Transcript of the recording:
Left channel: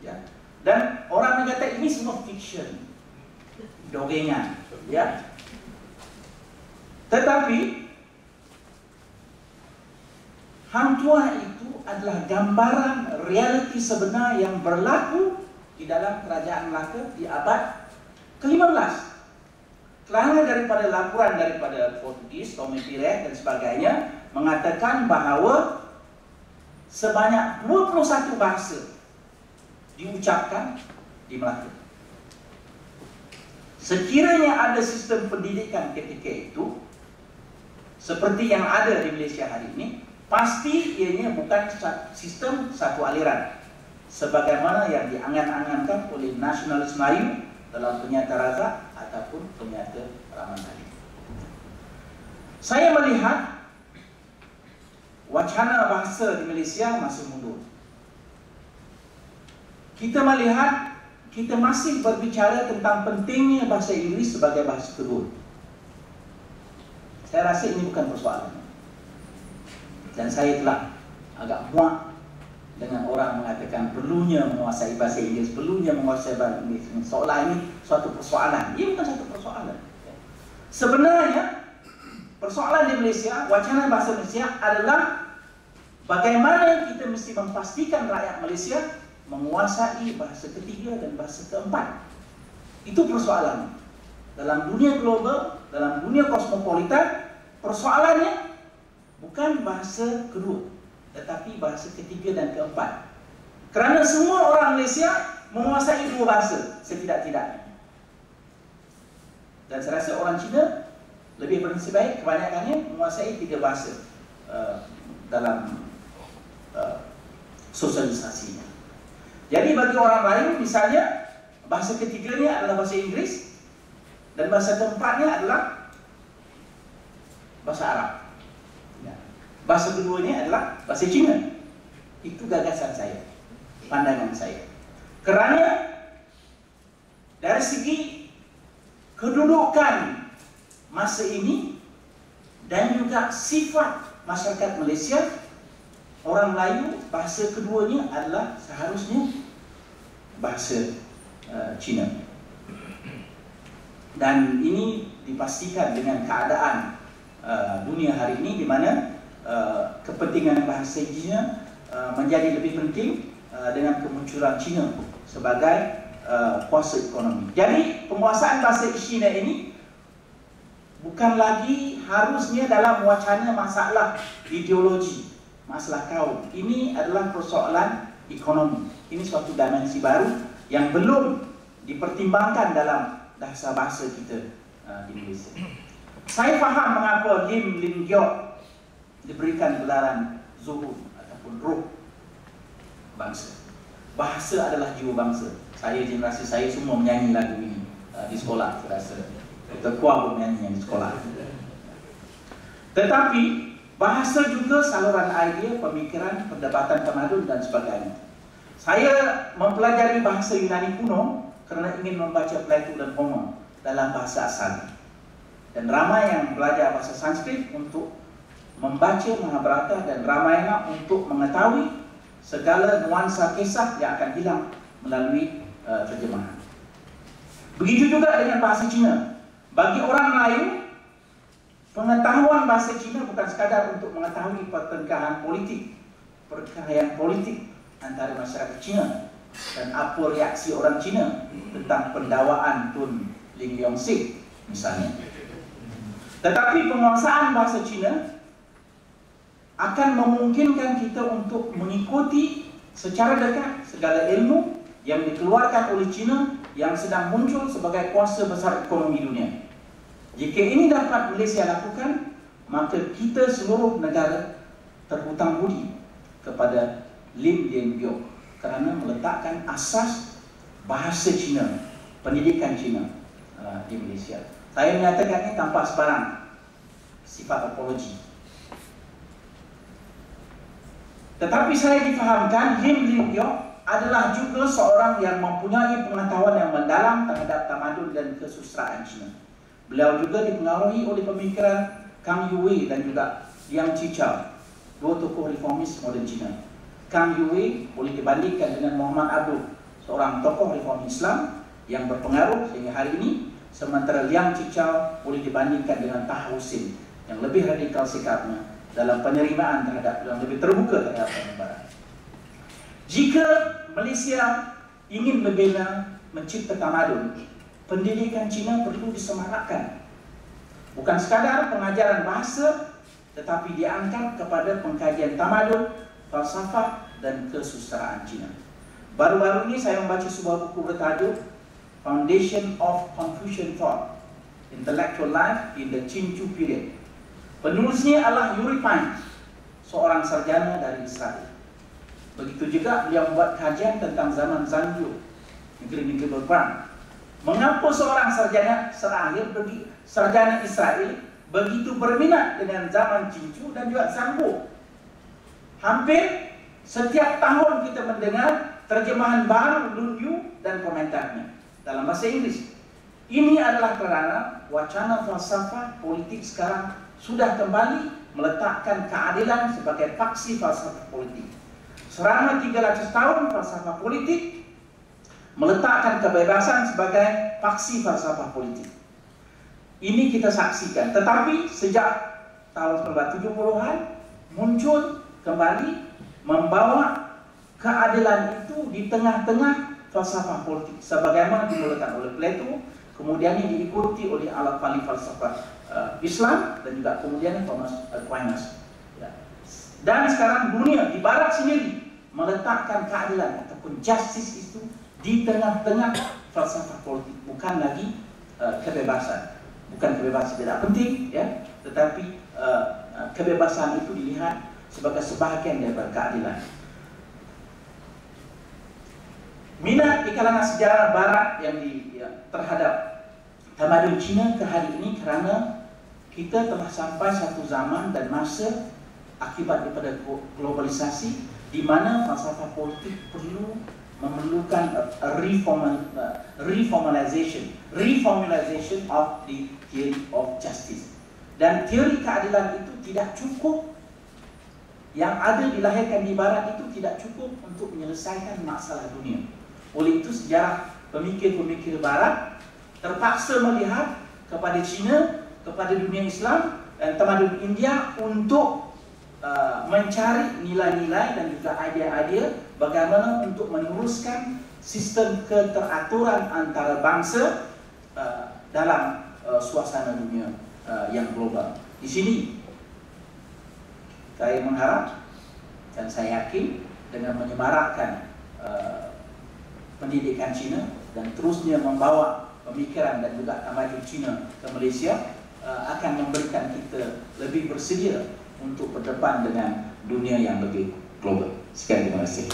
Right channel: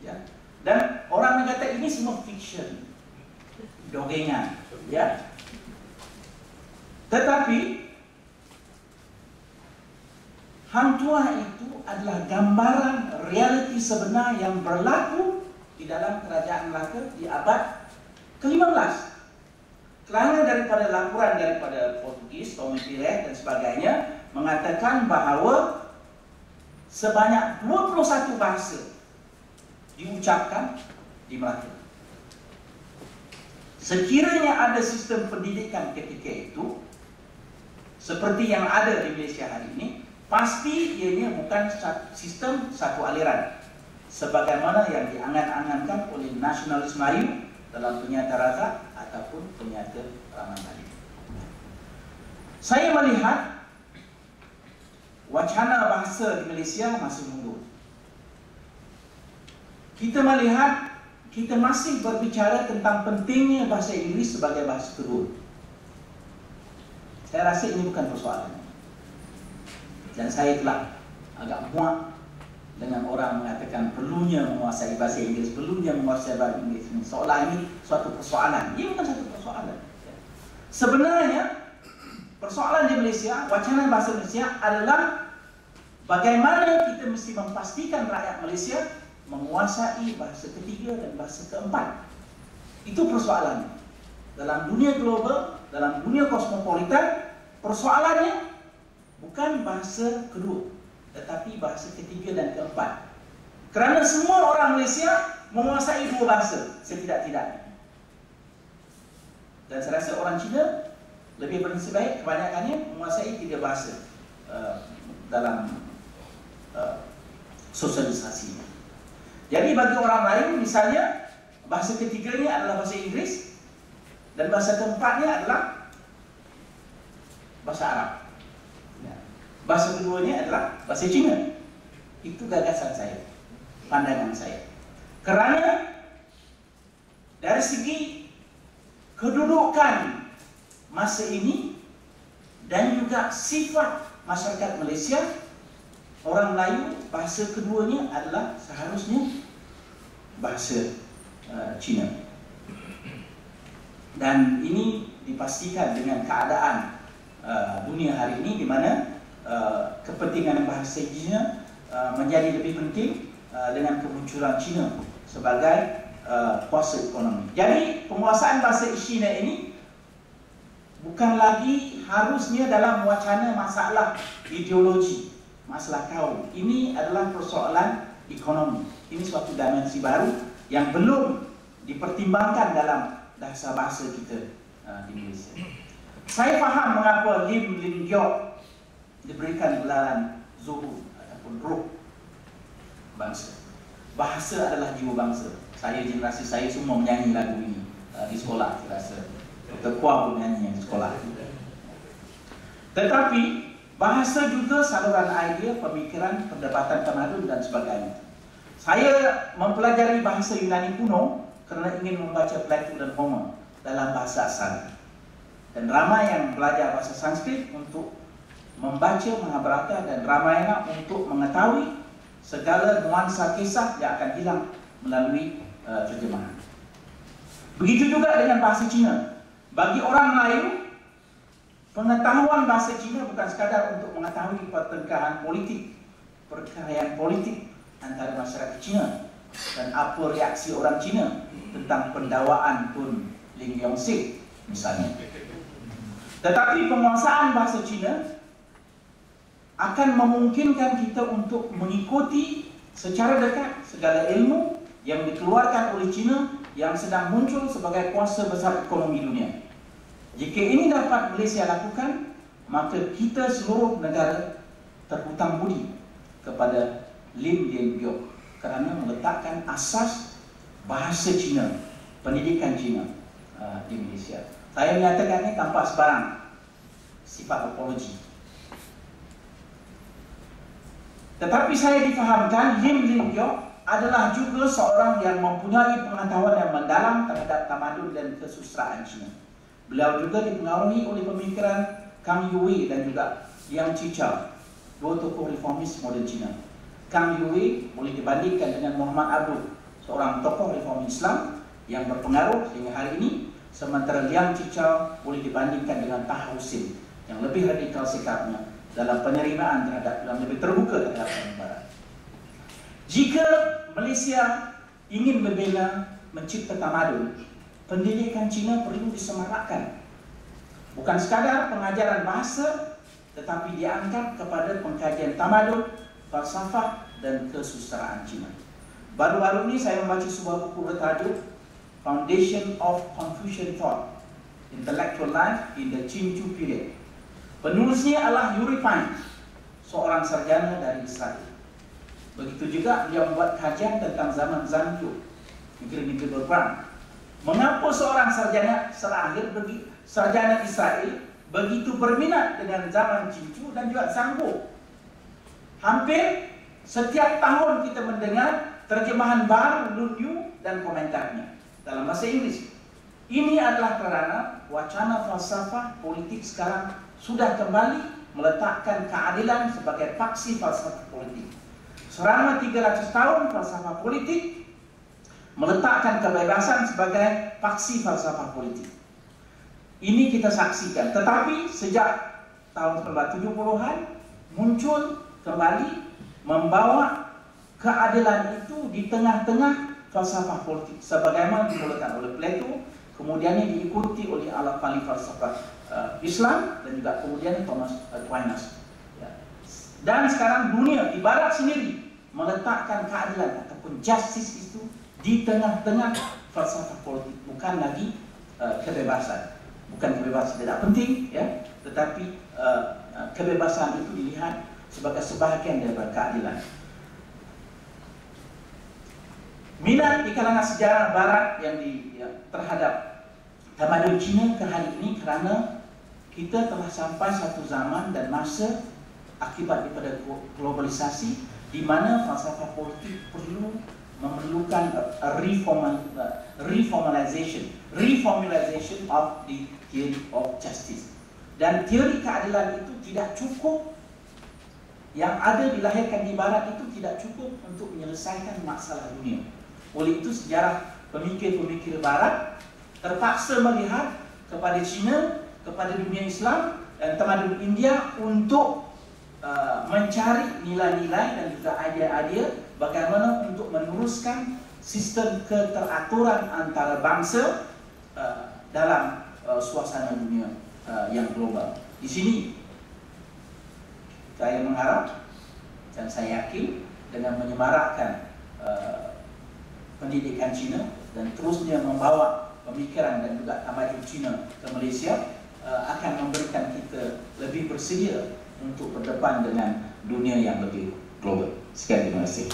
Ya. Dan orang kata ini semua fiction, dongeng, ya. Tetapi Hang Tuah itu adalah gambaran realiti sebenar yang berlaku di dalam kerajaan Melaka di abad ke-15. Kerana daripada laporan daripada Portugis, Tommy Pires dan sebagainya mengatakan bahawa sebanyak 21 bahasa diucapkan di Melaka. Sekiranya ada sistem pendidikan ketika itu seperti yang ada di Malaysia hari ini, pasti ianya bukan sistem satu aliran sebagaimana yang diangan-angankan oleh nasionalis Melayu dalam Penyata Rasa ataupun Penyata Ramandali. Saya melihat wacana bahasa di Malaysia masih mundur. Kita melihat kita masih berbicara tentang pentingnya bahasa Inggeris sebagai bahasa kedua. Saya rasa ini bukan persoalan. Dan saya telah agak muak dengan orang mengatakan perlunya menguasai bahasa Inggeris, perlunya menguasai bahasa Inggeris. Seolah ini suatu persoalan. Ia bukan satu persoalan. Sebenarnya persoalan di Malaysia, wacana bahasa Malaysia adalah bagaimana kita mesti memastikan rakyat Malaysia menguasai bahasa ketiga dan bahasa keempat. Itu persoalan. Dalam dunia global, dalam dunia kosmopolitan, persoalannya bukan bahasa kedua, tetapi bahasa ketiga dan keempat. Kerana semua orang Malaysia menguasai dua bahasa setidak-tidaknya. Dan saya rasa orang Cina lebih bernasib baik kebanyakannya menguasai tiga bahasa dalam sosialisasinya. Jadi bagi orang lain misalnya bahasa ketiganya adalah bahasa Inggeris dan bahasa keempatnya adalah bahasa Arab. Bahasa keduanya adalah bahasa Cina. Itu gagasan saya, pandangan saya. Kerana dari segi kedudukan masa ini dan juga sifat masyarakat Malaysia, orang Melayu bahasa keduanya adalah seharusnya bahasa Cina. Dan ini dipastikan dengan keadaan dunia hari ini di mana kepentingan bahasa Cina menjadi lebih penting dengan kemunculan Cina sebagai kuasa ekonomi. Jadi penguasaan bahasa Cina ini bukan lagi harusnya dalam wacana masalah ideologi, masalah kaum. Ini adalah persoalan ekonomi. Ini suatu dimensi baru yang belum dipertimbangkan dalam bahasa-bahasa kita di Malaysia. Saya faham mengapa Lim Giok diberikan gelaran zuhud ataupun ruh bangsa. Bahasa adalah jiwa bangsa. Saya, generasi saya semua menyanyi lagu ini di sekolah. Saya rasa Dr. Kuah pun menyanyi di sekolah. Tetapi bahasa juga saluran idea, pemikiran, perdebatan tamadun dan sebagainya. Saya mempelajari bahasa Yunani kuno kerana ingin membaca Plato dan Homer dalam bahasa asal. Dan ramai yang belajar bahasa Sanskrit untuk membaca Mahabharata dan Ramayana untuk mengetahui segala nuansa kisah yang akan hilang melalui terjemahan. Begitu juga dengan bahasa Cina. Bagi orang Melayu, pengetahuan bahasa Cina bukan sekadar untuk mengetahui pertengkaran politik antara masyarakat Cina dan apa reaksi orang Cina tentang pendawaan Tun Ling Yong-sik misalnya. Tetapi penguasaan bahasa Cina akan memungkinkan kita untuk mengikuti secara dekat segala ilmu yang dikeluarkan oleh Cina yang sedang muncul sebagai kuasa besar ekonomi dunia. Jika ini dapat Malaysia lakukan, maka kita seluruh negara terhutang budi kepada Lim Giok kerana meletakkan asas bahasa Cina, pendidikan Cina di Malaysia. Saya menyatakan ini tanpa sebarang sifat apologi. Tetapi saya difahamkan Lim Giok adalah juga seorang yang mempunyai pengetahuan yang mendalam terhadap tamadun dan kesusastraan Cina. Beliau juga dipengaruhi oleh pemikiran Kang Youwei dan juga Yang Chichao, dua tokoh reformis moden Cina. Kang Youwei boleh dibandingkan dengan Muhammad Abduh seorang tokoh reform Islam yang berpengaruh sehingga hari ini, sementara Liang Chichao boleh dibandingkan dengan Taha Hussein yang lebih radikal sikapnya dalam penerimaan terhadap, yang lebih terbuka terhadap orang Barat. Jika Malaysia ingin membina, mencipta tamadun, pendidikan Cina perlu disemarakkan. Bukan sekadar pengajaran bahasa, tetapi diangkat kepada pengkajian tamadun, falsafah dan kesusastraan Cina. Baru-baru ini saya membaca sebuah buku bertajuk Foundation of Confucian Thought, Intellectual Life in the Qing Period. Penulisnya adalah Yuri Pine, seorang sarjana dari Israel. Begitu juga dia membuat kajian tentang zaman Zanju, negeri-negeri berperang. Mengapa seorang sarjana Israel begitu berminat dengan zaman Qingchu dan juga Zhangbo? Hampir setiap tahun kita mendengar terjemahan baru Lunyu dan komentarnya dalam bahasa Inggris. Ini adalah kerana wacana falsafah politik sekarang sudah kembali meletakkan keadilan sebagai paksi falsafah politik. Selama 300 tahun falsafah politik meletakkan kebebasan sebagai paksi falsafah politik. Ini kita saksikan. Tetapi sejak tahun 1970-an muncul kembali membawa keadilan itu di tengah-tengah falsafah politik, sebagaimana dimulakan oleh Plato, kemudian diikuti oleh ahli falsafah Islam dan juga kemudian Thomas Aquinas. Dan sekarang dunia di Barat sendiri meletakkan keadilan ataupun justice itu di tengah-tengah falsafah politik, bukan lagi kebebasan. Bukan kebebasan tidak penting, ya, tetapi kebebasan itu dilihat sebagai sebahagian daripada keadilan. Minat di kalangan sejarah Barat yang terhadap tamadun Cina ke hari ini kerana kita telah sampai satu zaman dan masa akibat daripada globalisasi di mana falsafah politik memerlukan reformulation of the theory of justice. Dan teori keadilan itu tidak cukup, yang ada dilahirkan di Barat itu tidak cukup untuk menyelesaikan masalah dunia. Oleh itu sejarah pemikir-pemikir Barat terpaksa melihat kepada Cina, kepada dunia Islam dan tamadun India untuk mencari nilai-nilai dan juga idea-idea bagaimana untuk meneruskan sistem keteraturan antara bangsa dalam suasana dunia yang global. Di sini saya mengharap dan saya yakin dengan menyemarakkan pendidikan Cina dan terusnya membawa pemikiran dan juga tamadun Cina ke Malaysia akan memberikan kita lebih bersedia untuk berdepan dengan dunia yang lebih global. Sekian, terima kasih.